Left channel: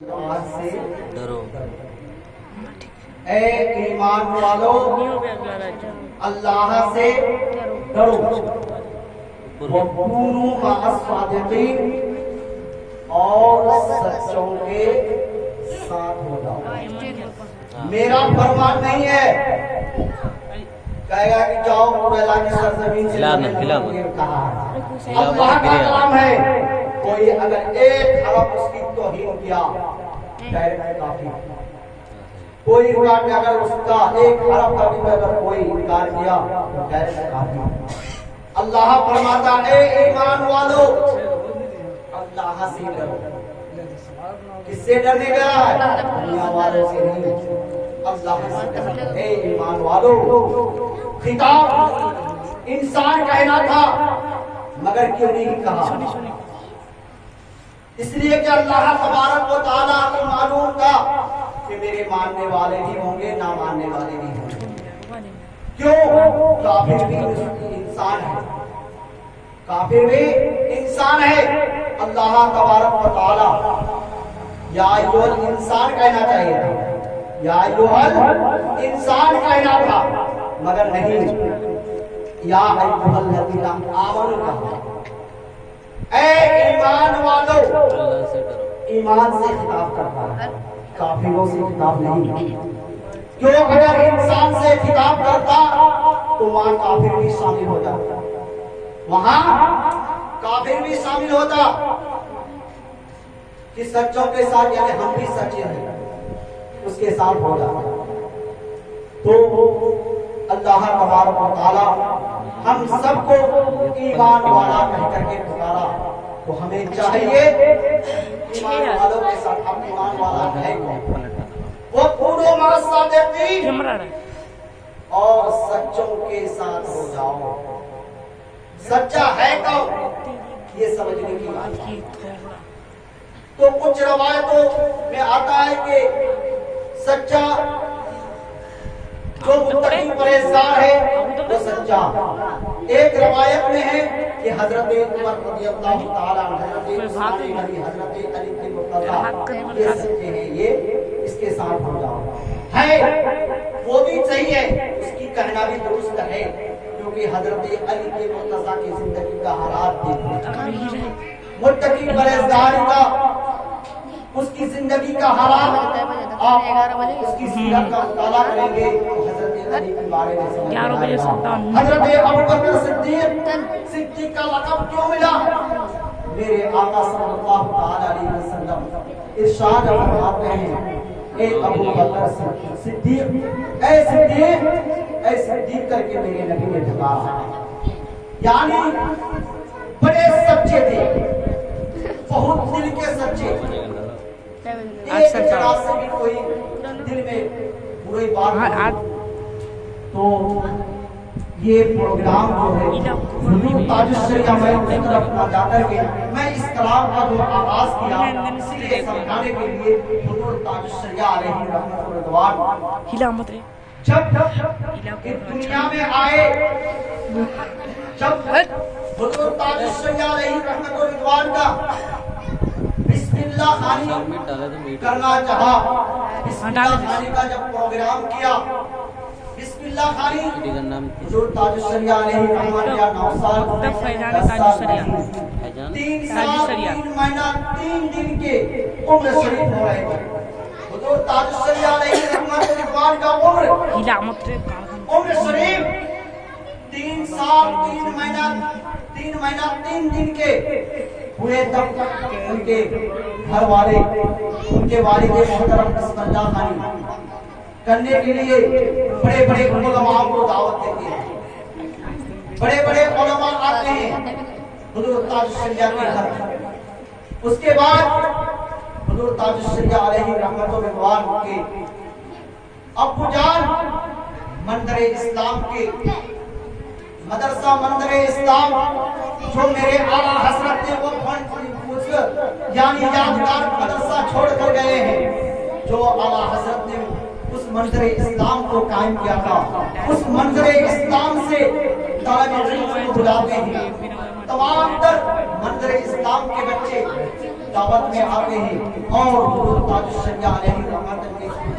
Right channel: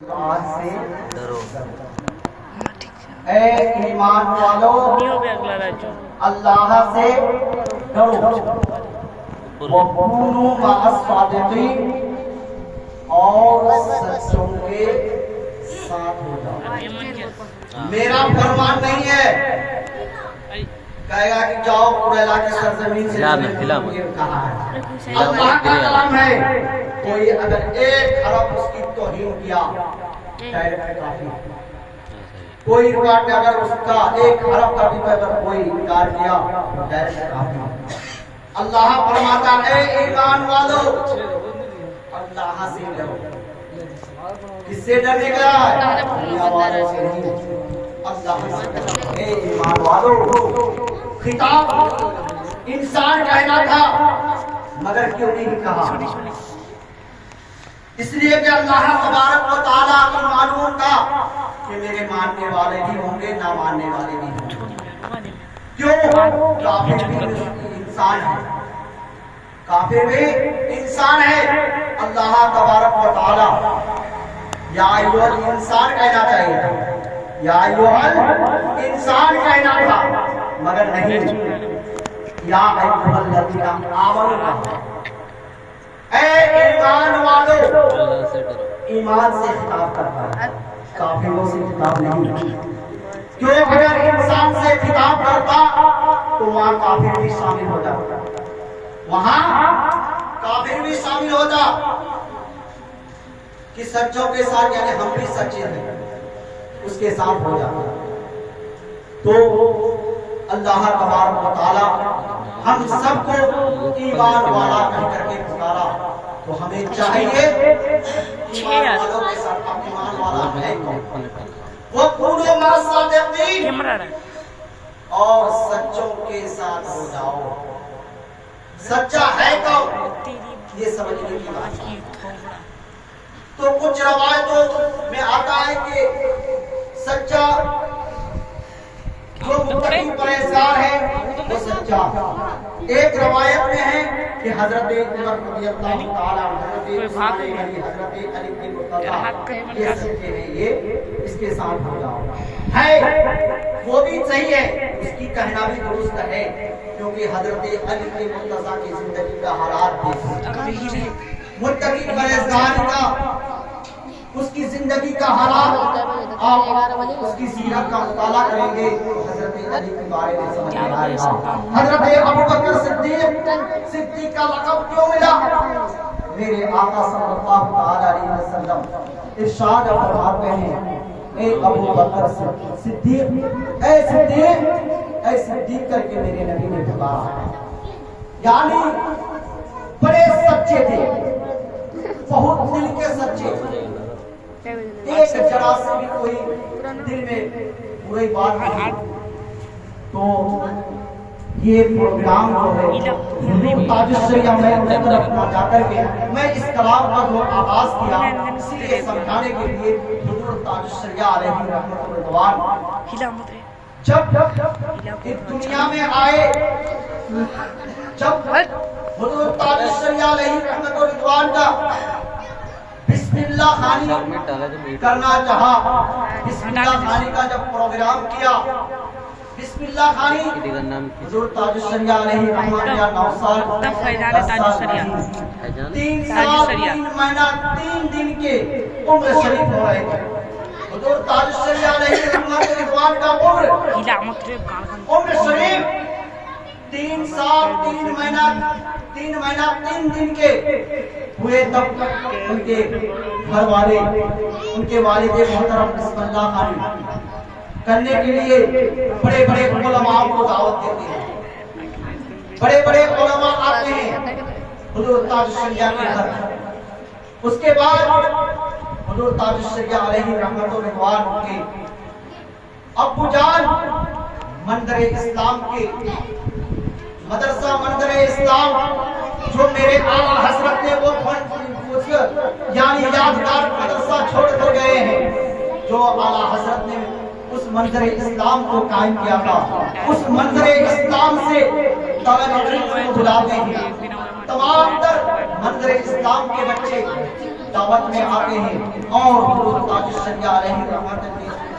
आज से डरो। ए ईमान वालों, अल्लाह से डरो। वकूनू मअस-सादिकीन, और सच्चों के साथ हो जाओ। मेरा फरमान नहीं है कहेगा कि जाओ कुरैला की सरजमीन से कहा है। अल्लाह का कलाम है। कोई अगर एक हरफ उसकी तौहीन किया डायरेक्ट काफी। कोई रिवाज में अगर उसका एक हरफ का भी अगर कोई इनकार किया तो डायरेक्ट काफी। अल्लाह फरमाता है ईमान वालों, अल्लाह से डरो। किससे डरने का है? दुनिया वालों से नहीं, अल्लाह से डरो। ए ईमान वालों, खिताब इंसान कहना था मगर क्यों नहीं कहा? इसलिए कि अल्लाह तबारक व तआला को मालूम था कि मेरे मानने वाले भी होंगे, ना मानने वाले भी होंगे। क्यों? काफिर भी इंसान है, काफिर भी इंसान है। अल्लाह तबारक व तआला या अय्युहल इंसान कहना चाहिए, या अय्युहल इंसान कहना था मगर नहीं, या अय्युहल लज़ीना आमनू। ऐ ईमान वालों, ईमान से खिताब करता है, काफिरों से खिताब नहीं। क्यों? अगर इंसान से खिताब करता तो वहां काफिर भी शामिल होता, वहां काफिर भी शामिल होता कि सच्चों के साथ, यानी हम भी सच्चे हैं, उसके साथ हो जाता। तो अल्लाह तबारक व तआला हम सबको ईमान वाला कह करके पुकारा, तो हमें चाहिए ईमान वालों के साथ। अब ईमान वाला है कौन? वो पूरे मअस-सादिकीन, और सच्चों के साथ हो जाओ। सच्चा है कौन, ये समझने की बात है। तो कुछ रवायतों में आता है कि सच्चा जो मुत्तकी परहेज़गार है वो सच्चा। एक रवायत में है कि हजरत उमर रज़ियल्लाहु ताला हजरत उस्मान गनी, हजरत अली बिन मुर्तज़ा ये सच्चे हैं, ये इसके साथ हो जाओ है। वो भी सही है, उसकी कहना भी दुरुस्त है, क्योंकि हजरत अली बिन मुर्तज़ा की जिंदगी का हालात देखो, मुत्तकी परहेज़गारी का, उसकी जिंदगी का हालात आप उसकी सीरत का मुताला करेंगे हजरत अली के बारे में समझ में आएगा। हजरत अबू बकर सिद्दीक का लक़ब क्यों मिला? मेरे आका सल्लल्लाहु अलैहि वसल्लम इरशाद फरमाते हैं, ए अबू बकर सिद्दीक, ए सिद्दीक, ए सिद्दीक करके मेरे नबी ने पुकारा। यानी बड़े सच्चे थे, बहुत दिल के सच्चे। एक जरा से भी कोई दिल में बुरी बात नहीं। तो ये प्रोग्राम जो है हुजूर ताजुश्शरिया में तरफ ना जाकर के मैं इस कलाम का जो आगाज किया, इसीलिए समझाने के लिए हुजूर ताजुश्शरिया अलैहि रहमतुल्लाह जब इस दुनिया में आए, जब हुजूर ताजुश्शरिया अलैहि रहमतुल्लाह का बिस्मिल्लाह खानी करना चाहा, बिस्मिल्लाह खानी का जब प्रोग्राम किया, बिस्मिल्लाह खानी हुजूर ताजुश्शरिया अलैहि रहमतुल्लाह 9 साल 3 साल 3 महीना 3 दिन के उम्र शरीफ हो रहे थे। हुजूर ताजुश्शरिया अलैहि रहमतुल्लाह का उम्र शरीफ 3 साल 3 महीना 3 दिन के हुए, तब उनके घर वाले, उनके वालिद मोहतरम बिस्मिल्लाह खानी करने के लिए बड़े बड़े उलमा को दावत देते हैं। बड़े बड़े उलमा आते हैं हुजूर ताजुश्शरिया के घर। उसके बाद हुजूर ताजुश्शरिया अलैहि रहमतुल्लाह के अब्बू जान मंदर इस्लाम के मदरसा मंदर इस्लाम जो मेरे आला हजरत ने वो यानी यादगार मदरसा छोड़ कर गए हैं, जो आला हजरत ने उस मंदिर इस्लाम को कायम किया था, उस मंदिर इस्लाम से तलबे इल्म को बुलाते हैं। तमाम तर मंदिर इस्लाम के बच्चे दावत में आते हैं और हुजूर ताजुल शरिया अलैहि रहमत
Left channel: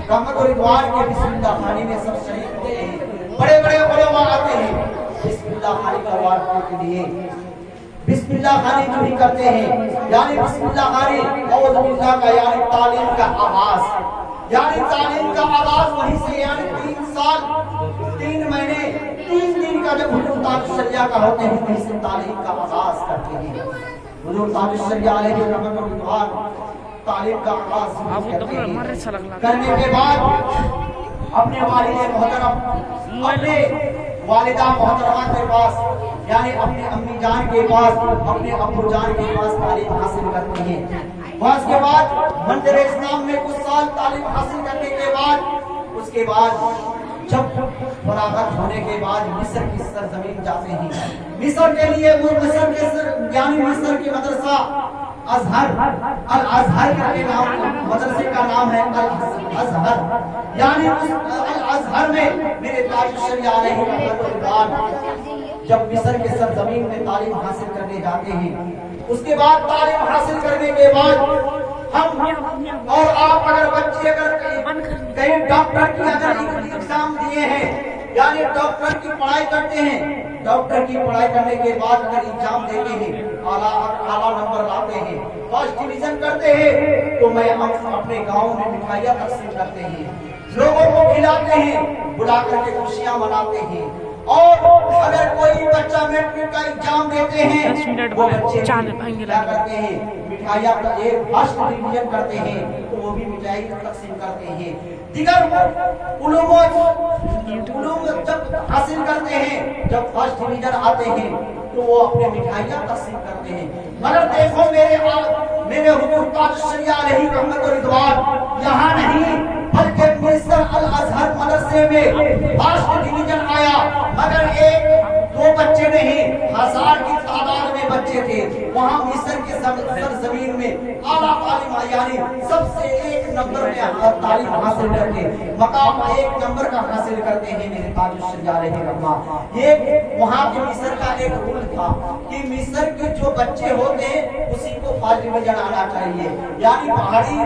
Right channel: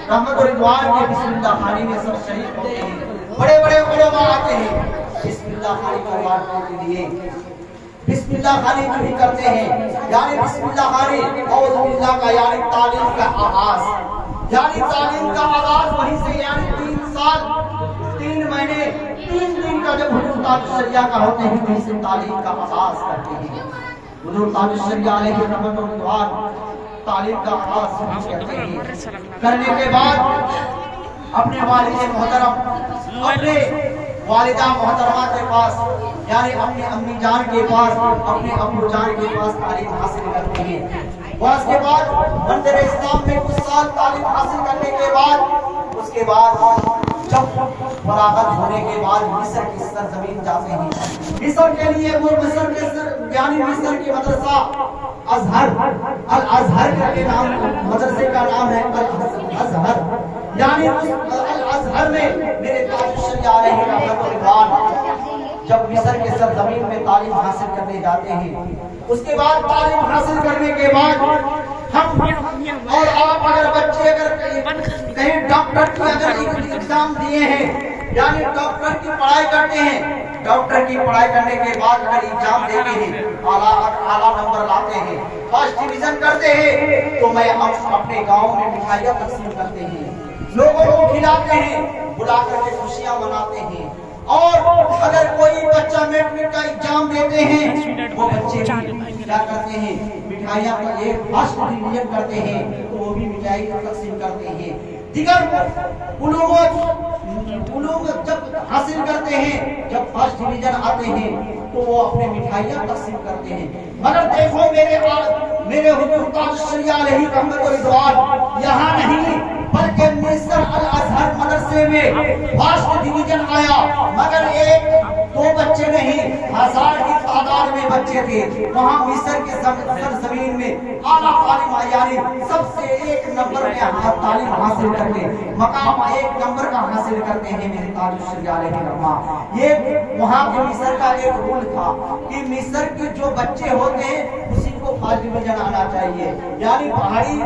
और रिदवान के बिस्मिल्लाह खानी में सब शरीक होते हैं। बड़े बड़े उलमा आते हैं बिस्मिल्लाह खानी का वार के लिए, बिस्मिल्लाह खानी जो ही करते हैं, यानी बिस्मिल्लाह खानी औज़ु बिल्लाह का यानी तालीम का आगाज, यानी तालीम का आगाज वहीं से, यानी 3 साल 3 महीने 3 दिन का जब हुजूर ताजुल शरिया का होते हैं वहीं से तालीम का आगाज करते हैं। हुजूर ताजुल शरिया अलैहि रहमत और रिदवान तालीम का आगाज करते हैं। करने के बाद अपने वालिद मोहतरम, अपने वालिदा मोहतरमा के पास, यानी अपने अम्मी जान के पास, अपने अब्बू जान के पास तालीम हासिल करते हैं। और उसके बाद मंदिर इस्लाम में कुछ साल तालीम हासिल करने के बाद, उसके बाद जब फरागत होने के बाद मिस्र की सरजमीन जाते हैं। मिस्र के लिए वो मिस्र के यानी मिस्र की मदरसा अजहर, अल अजहर के नाम, मदरसे का नाम है अल अजहर, यानी उस अल अजहर में मेरे ताजुल शरिया अलैहि रहमत जब मिस्र के सरजमीन में तालीम हासिल करने जाते हैं, उसके बाद तालीम हासिल करने के बाद हम और आप अगर बच्चे अगर कहीं डॉक्टर की अगर एग्जाम दिए हैं, यानी डॉक्टर की पढ़ाई करते हैं, डॉक्टर की पढ़ाई करने के बाद अगर एग्जाम देते हैं, आला नंबर लाते हैं, फर्स्ट डिवीजन करते हैं, तो मैं हम अपने गांव में मिठाइयाँ तकसीम करते हैं, लोगों को खिलाते हैं, बुला करके खुशियाँ मनाते हैं। और अगर कोई बच्चा मैट्रिक का एग्जाम देते हैं, वो बच्चे क्या करते हैं, मिठाइयाँ फर्स्ट डिवीजन करते हैं तो वो भी मिठाई तकसीम करते हैं। दिगर उलूम जब हासिल करते हैं, जब फर्स्ट डिवीजन आते हैं तो वो अपने मिठाइयाँ तकसीम करते हैं। मगर देखो मेरे हुजूर ताजुल शरिया अलैहि रहमत और रिदवान यहाँ नहीं, बल्कि मिस्र अल अजहर मदरसे में फर्स्ट डिवीजन आया, मगर 1-2 बच्चे नहीं, 1000 की तादाद में बच्चे थे। वहाँ मिस्र के सरजमीन में आला तालीम, यानी सबसे 1 नंबर में तालीम हासिल करके मकाम 1 नंबर का हासिल करते हैं मेरे ताजुल शरिया अलैहि रहमत। ये वहाँ के मिस्र का एक रूल था कि मिस्र के जो बच्चे होते हैं उसी को फर्स्ट डिवीजन आना चाहिए, यानी पहाड़ी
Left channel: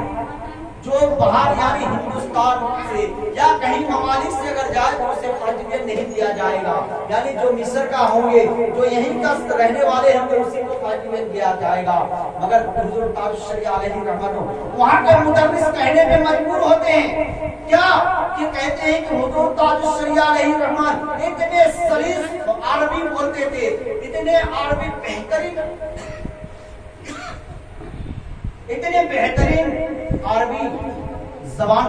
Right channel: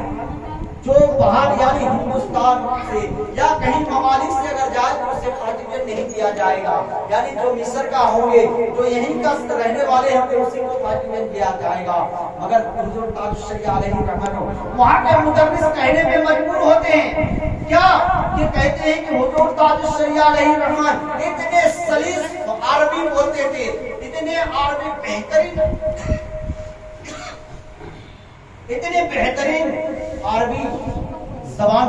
जो बाहर यानी हिंदुस्तान से या कहीं ममालिक से अगर जाए तो उसे फर्स्ट डिवीजन नहीं दिया जाएगा, यानी जो मिस्र का होंगे, जो यहीं का रहने वाले हैं तो उसी को फर्स्ट डिवीजन दिया जाएगा। मगर हुजूर ताजुल शरिया अलैहि रहमत वहाँ के मुदर्रिस कहने में मजबूर होते हैं, क्या कि कहते हैं कि हुजूर ताजुल शरिया अलैहि रहमत इतने सलीस अरबी बोलते थे, इतने अरबी बेहतरीन अरबी जबान